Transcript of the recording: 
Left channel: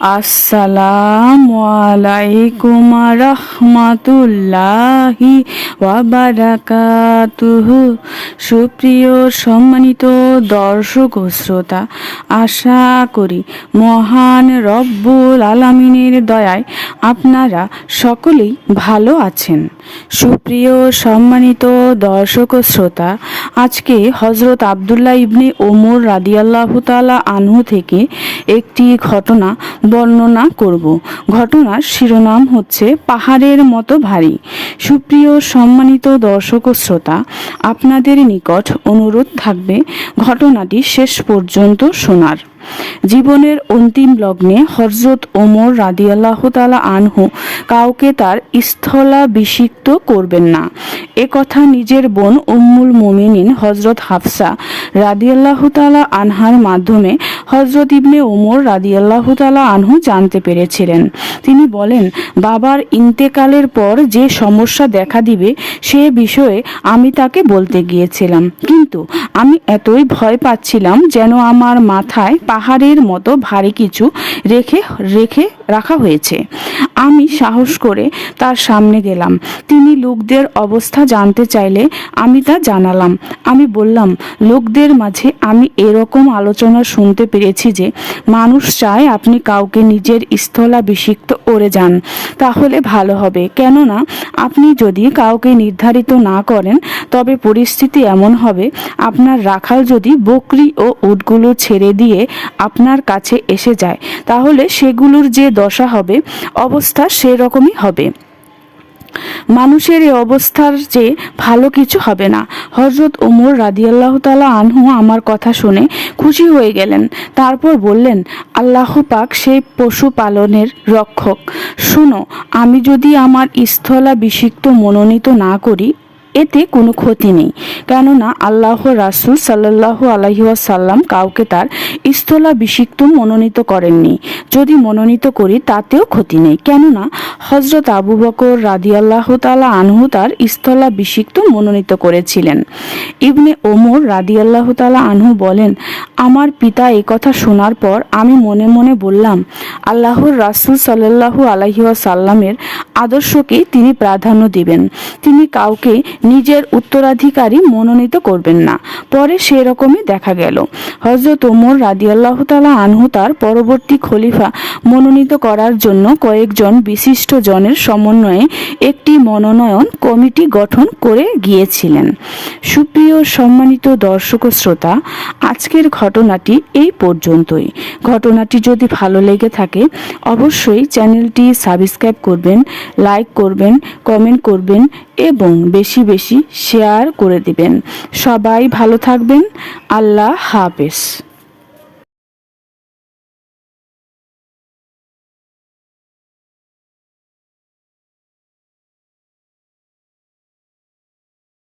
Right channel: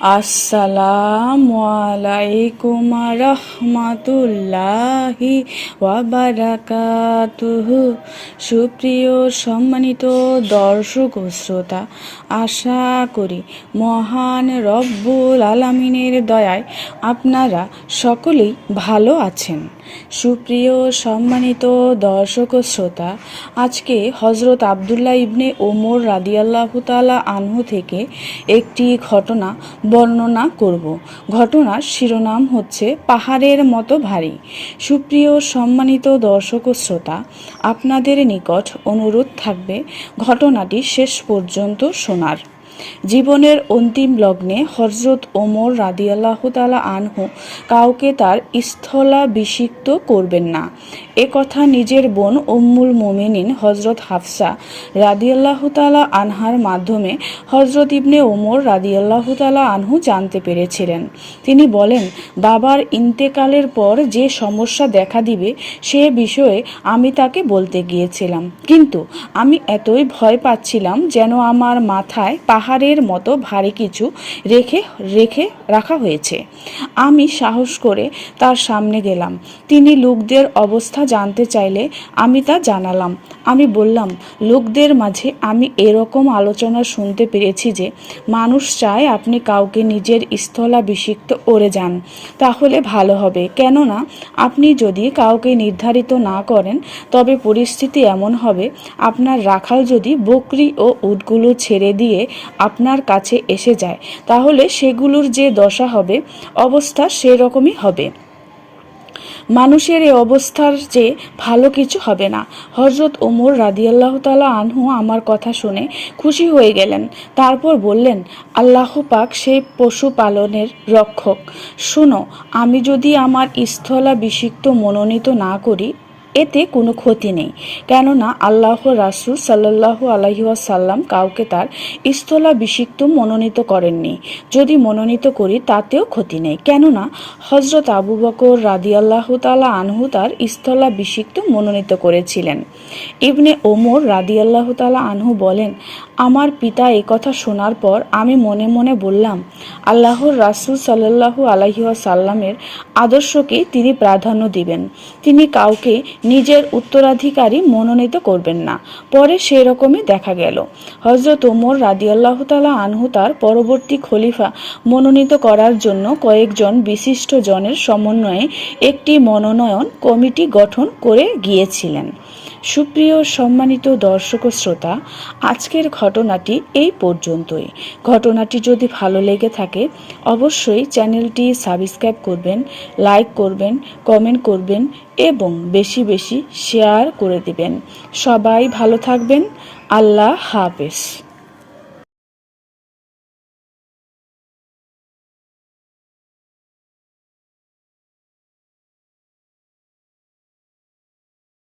আসসালামু আলাইকুম রাহমাতুল্লাহি ওয়া বারাকাতুহু। সুপ্রিয় সম্মানিত দর্শক ও শ্রোতা, আশা করি মহান রব্বুল আলামিনের দয়ায় আপনারা সকলেই ভালো আছেন। সুপ্রিয় সম্মানিত দর্শক ও শ্রোতা, আজকে হযরত আব্দুল্লাহ ইবনে ওমর রাদিয়াল্লাহু তাআলা আনহু থেকে একটি ঘটনা বর্ণনা করব। ঘটনার শিরোনাম হচ্ছে পাহাড়ের মতো ভারী। সুপ্রিয় সম্মানিত দর্শক ও শ্রোতা, আপনাদের নিকট অনুরোধ থাকবে ঘটনাটি শেষ পর্যন্ত শোনার। জীবনের অন্তিম লগ্নে হযরত ওমর রাদিয়াল্লাহু তাআলা আনহু কাউকে তার স্থলাভিষিক্ত করবেন না, এ কথা নিজের বোন উম্মুল মুমিনিন হযরত হাফসা রাদিয়াল্লাহু তাআলা আনহার মাধ্যমে হযরত ইবনে ওমর রাদিয়াল্লাহু তাআলা আনহু জানতে পেরেছিলেন। তিনি বলেন, বাবার ইন্তেকালের পর যে সমস্যা দেখা দিবে সে বিষয়ে আমি তাকে বলতে গিয়েছিলাম, কিন্তু আমি এতই ভয় পাচ্ছিলাম যেন আমার মাথায় পাহাড়ের মতো ভারী কিছু রেখে রাখা হয়েছে। আমি সাহস করে তার সামনে গেলাম। তিনি লোকদের অবস্থা জানতে চাইলে আমি তা জানালাম। আমি বললাম, লোকদের মাঝে আমি এরকম আলোচনা শুনতে পেরেছি যে মানুষ চায় আপনি কাউকে নিজের স্থলাভিষিক্ত করে যান, তাহলে ভালো হবে। কেননা আপনি যদি কাউকে নির্ধারিত না করেন তবে পরিস্থিতি এমন হবে, আপনার রাখাল যদি বকরি ও উটগুলো ছেড়ে দিয়ে আপনার কাছে এসে যায় তাহলে সেগুলোর যে দশা হবে অবস্থা সেরকমই হবে। মানুষের এই অবস্থার যে ভালো কিছু হবে না। হযরত ওমর রাদিয়াল্লাহু তাআলা আনহু আমার কথা শুনে খুশি হয়ে গেলেন। তারপর বললেন, আল্লাহ পাক সেই পশু পালনের রক্ষক। শুনো, আমি যদি আমার স্থলাভিষিক্ত মনোনীত না করি এতে কোনো ক্ষতি নেই, কেননা আল্লাহর রাসূল সাল্লাল্লাহু আলাইহি ওয়াসাল্লাম কাউকে তার স্থলাভিষিক্ত মনোনীত করেননি। যদি মনোনীত করি তাতেও ক্ষতি নেই, কেননা হযরত আবু বকর রাদিয়াল্লাহু তাআলা আনহু তার স্থলাভিষিক্ত মনোনীত করেছিলেন। ইবনে ওমর রাদিয়াল্লাহু তাআলা আনহু বলেন, আমার পিতা একথা শোনার পর আমি মনে মনে বললাম, আল্লাহর রাসূল সাল্লাল্লাহু আলাইহি ওয়াসাল্লামের আদর্শকে তিনি প্রাধান্য দিবেন। তিনি কাউকে নিজের উত্তরাধিকারী মনোনীত করবেন না। পরে সেরকমই দেখা গেল। হযরত ওমর রাদিয়াল্লাহু তাআলা আনহু তার পরবর্তী খলিফা মনোনীত করার জন্য কয়েকজন বিশিষ্ট জনের সমন্বয়ে একটি মনোনয়ন কমিটি গঠন করে গিয়েছিলেন। সুপ্রিয় সম্মানিত দর্শক ও শ্রোতা, আজকের ঘটনাটি এই পর্যন্তই। ঘটনাটি যদি ভালো লেগে থাকে অবশ্যই চ্যানেলটি সাবস্ক্রাইব করবেন, লাইক করবেন, কমেন্ট করবেন এবং বেশি বেশি শেয়ার করে দিবেন। সবাই ভালো থাকবেন। আল্লাহ হাফেজ।